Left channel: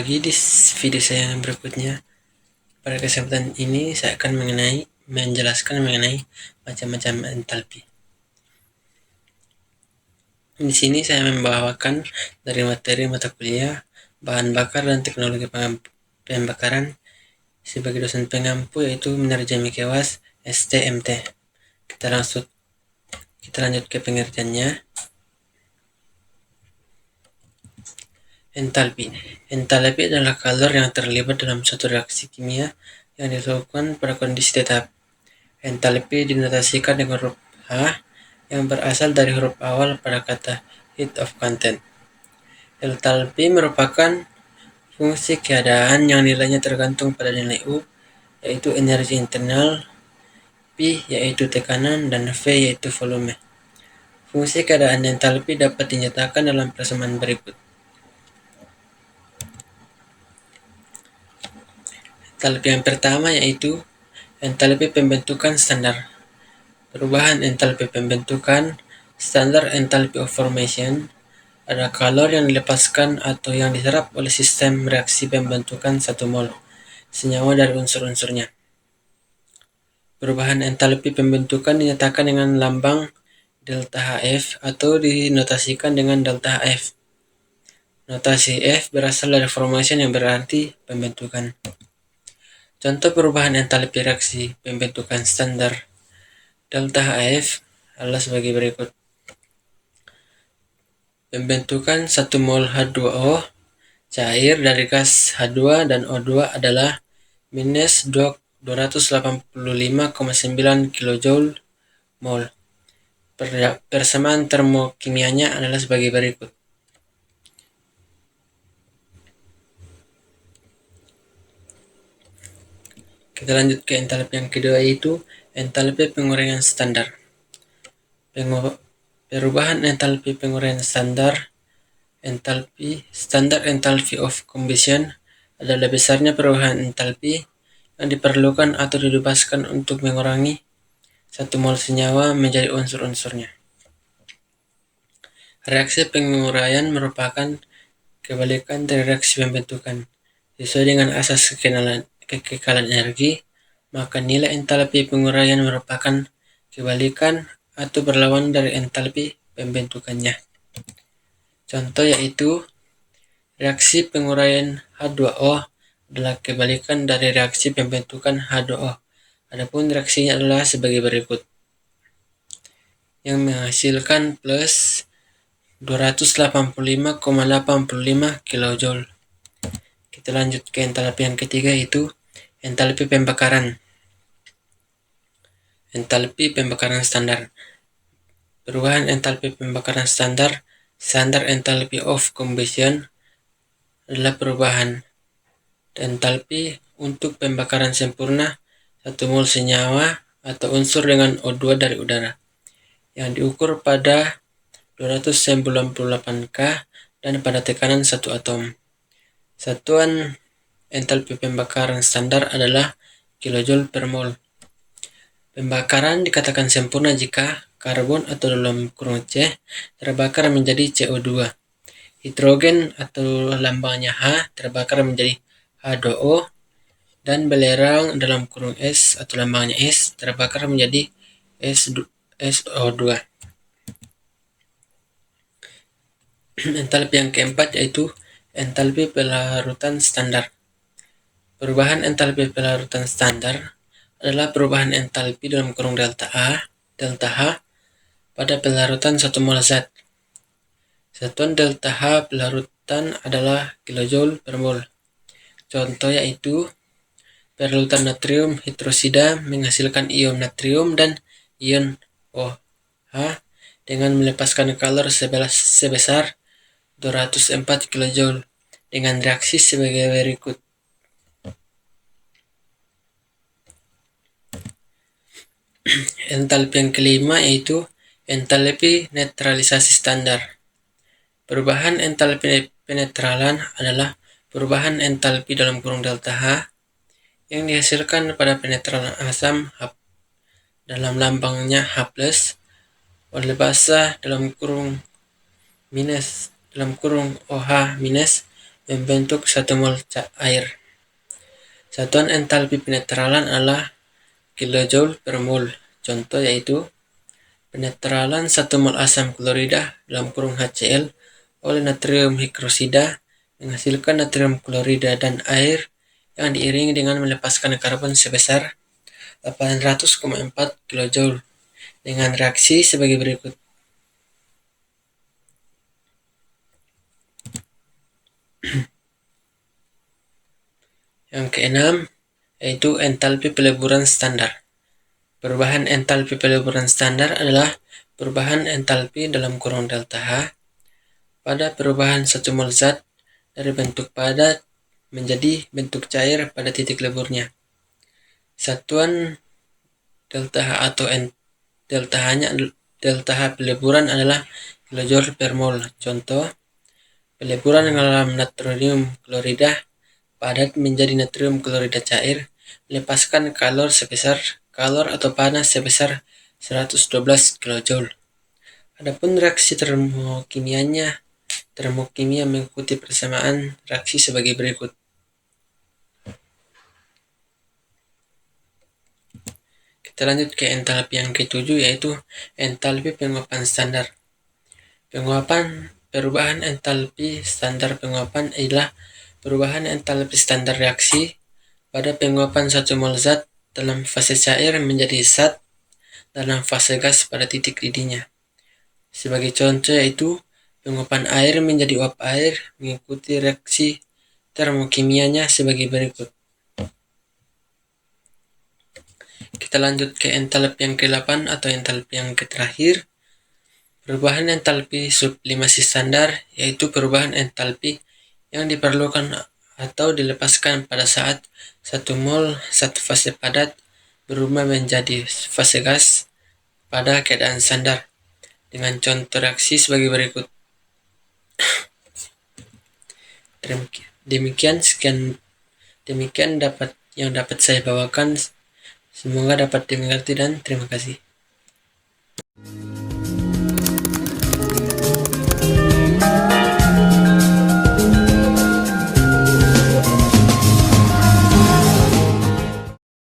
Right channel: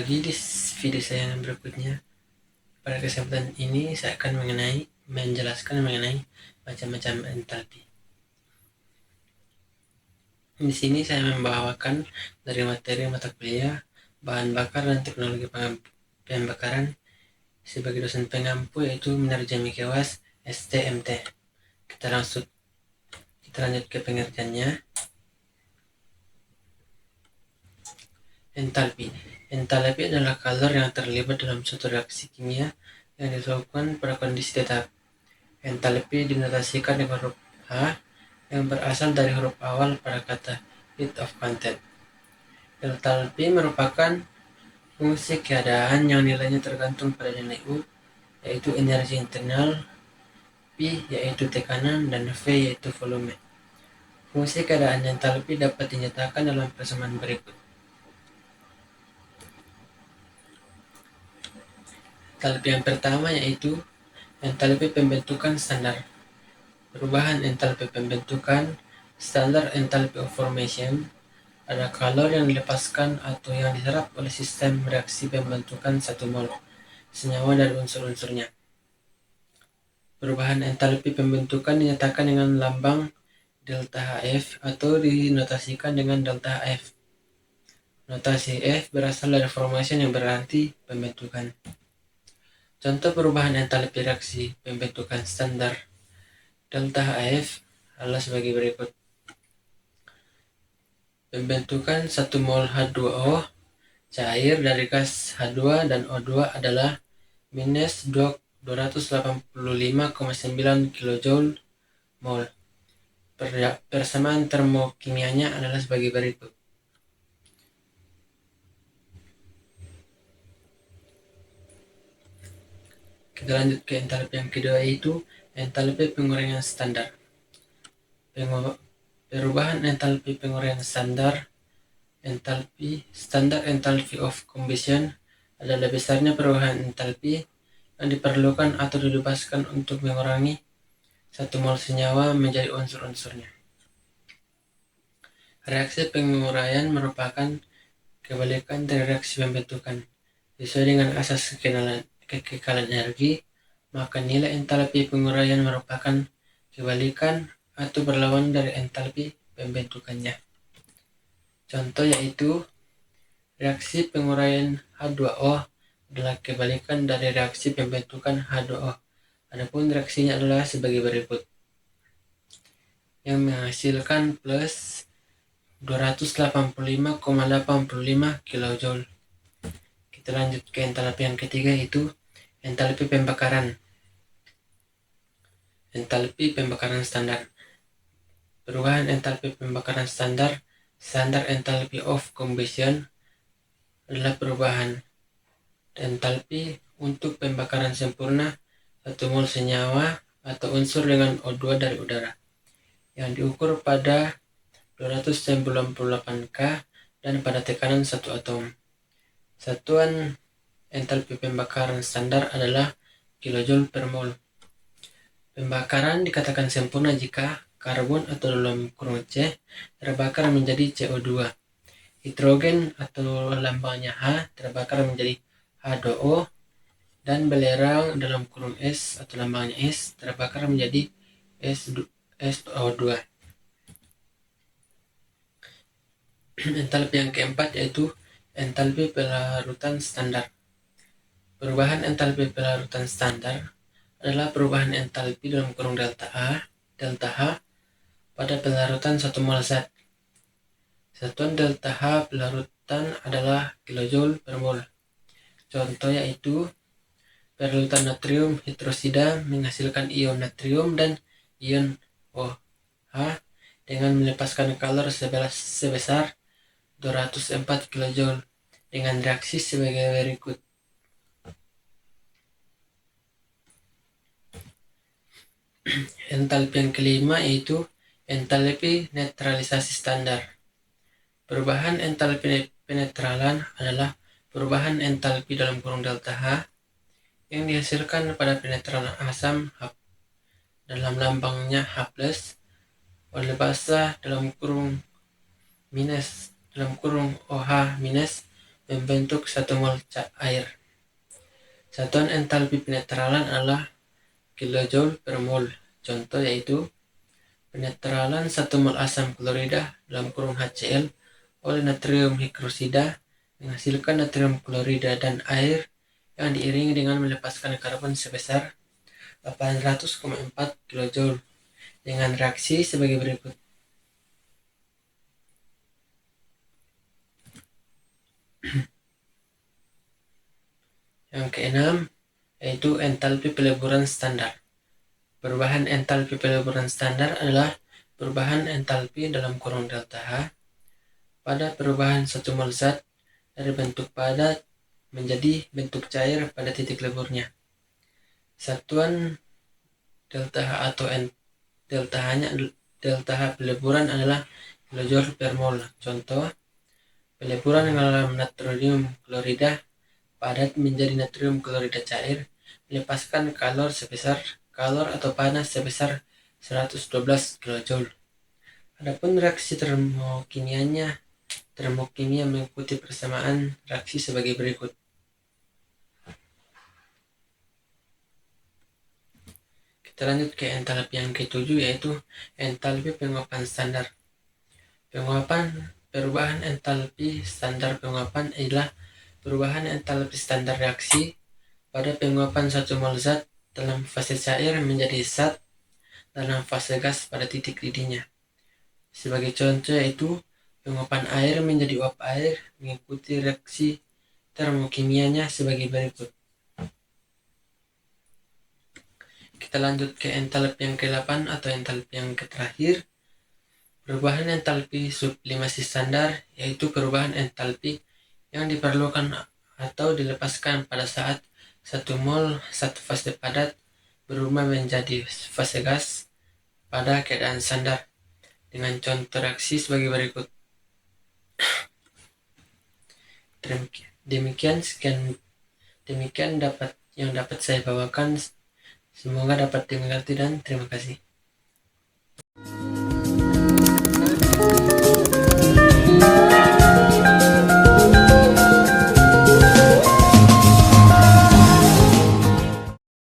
lagi di video saya yang berikutnya. Pada kesempatan ini saya akan menjelaskan mengenai macam-macam entalpi. Di sini saya membawakan dari materi mata kuliah bahan bakar dan teknologi pembakaran sebagai dosen pengampu, yaitu Minarja Mikewas STMT. Kita lanjut ke pengertiannya. Entalpi. Entalpi adalah kalor yang terlibat dalam suatu reaksi kimia yang dilakukan pada kondisi tetap. Entalpi dinotasikan dengan huruf H yang berasal dari huruf awal pada kata heat of content. Entalpi merupakan fungsi keadaan yang nilainya tergantung pada nilai U, yaitu energi internal, P yaitu tekanan, dan V yaitu volume. Fungsi keadaan entalpi dapat dinyatakan dalam persamaan berikut. Entalpi yang pertama yaitu entalpi pembentukan standar. Perubahan entalpi pembentukan standar entalpi of formation adalah kalor yang dilepaskan atau yang diserap oleh sistem reaksi pembentukan 1 mol senyawa dari unsur-unsurnya. Perubahan entalpi pembentukan dinyatakan dengan lambang delta HF atau dinotasikan dengan delta HF. Notasi F berasal dari formation yang berarti pembentukan. Contoh perubahan entalpi reaksi pembentukan standar delta HF adalah sebagai berikut. Pembentukan 1 mol H2O cair dari gas H2 dan O2 adalah minus 285,9 kJ mol. Persamaan termokimianya adalah sebagai berikut. Kita lanjut ke entalpi yang kedua, yaitu entalpi penguraian standar. Perubahan entalpi penguraian standar entalpi of combustion adalah besarnya perubahan entalpi yang diperlukan atau dibebaskan untuk mengurangi 1 mol senyawa menjadi unsur-unsurnya. Reaksi penguraian merupakan kebalikan dari reaksi pembentukan. Sesuai dengan asas kekekalan energi, maka nilai entalpi penguraian merupakan kebalikan atau berlawan dari entalpi pembentukannya. Contoh yaitu reaksi penguraian H2O adalah kebalikan dari reaksi pembentukan H2O. Adapun reaksinya adalah sebagai berikut, yang menghasilkan plus 285,85 kJ. Kita lanjut ke entalpi yang ketiga, yaitu entalpi pembakaran. Entalpi pembakaran standar. Perubahan entalpi pembakaran standar entalpi of combustion adalah perubahan entalpi untuk pembakaran sempurna 1 mol senyawa atau unsur dengan O2 dari udara yang diukur pada 298 K dan pada tekanan 1 atom. Satuan entalpi pembakaran standar adalah kilojoule per mol. Pembakaran dikatakan sempurna jika karbon atau dalam kurung C terbakar menjadi CO2. Hidrogen atau lambangnya H terbakar menjadi H2O, dan belerang dalam kurung S atau lambangnya S terbakar menjadi SO2. Entalpi yang keempat yaitu entalpi pelarutan standar. Perubahan entalpi pelarutan standar adalah perubahan entalpi dalam kurung delta H pada pelarutan 1 mol zat. Satuan delta H pelarutan adalah kilojoule per mol. Contoh yaitu pelarutan natrium hidroksida menghasilkan ion natrium dan ion OH dengan melepaskan kalor sebesar 204 kJ dengan reaksi sebagai berikut. Entalpi yang kelima yaitu entalpi netralisasi standar. Perubahan entalpi penetralan adalah perubahan entalpi dalam kurung delta H yang dihasilkan pada penetralan asam dalam lambangnya H+, oleh basa dalam kurung OH- membentuk 1 mol air. Satuan entalpi penetralan adalah kilojoule per mol. Contoh yaitu penetralan 1 mol asam klorida dalam kurung HCl oleh natrium hidroksida menghasilkan natrium klorida dan air yang diiringi dengan melepaskan karbon sebesar 800,4 kilojoule dengan reaksi sebagai berikut. Yang keenam yaitu entalpi peleburan standar. Perubahan entalpi peleburan standar adalah perubahan entalpi dalam kurung delta H pada perubahan 1 mol zat dari bentuk padat menjadi bentuk cair pada titik leburnya. Satuan delta H atau delta H peleburan adalah kilojoule per mol. Contoh, peleburan dalam natrium klorida padat menjadi natrium klorida cair melepaskan kalor atau panas sebesar 112 kilojoule. Adapun reaksi termokimia mengikuti persamaan reaksi sebagai berikut. Kita lanjut ke entalpi yang ketujuh yaitu entalpi penguapan standar. Perubahan entalpi standar penguapan adalah perubahan entalpi standar reaksi pada penguapan 1 mol zat dalam fase cair menjadi zat dalam fase gas pada titik didihnya. Sebagai contoh yaitu penguapan air menjadi uap air mengikuti reaksi termokimianya sebagai berikut. Kita lanjut ke entalpi yang ke-8 atau entalpi yang terakhir. Perubahan entalpi sublimasi standar yaitu perubahan entalpi yang diperlukan atau dilepaskan pada saat 1 mol zat fase padat berubah menjadi fase gas pada keadaan standar dengan contoh reaksi sebagai berikut. Demikian dapat saya bawakan. Semoga dapat dimengerti dan terima kasih.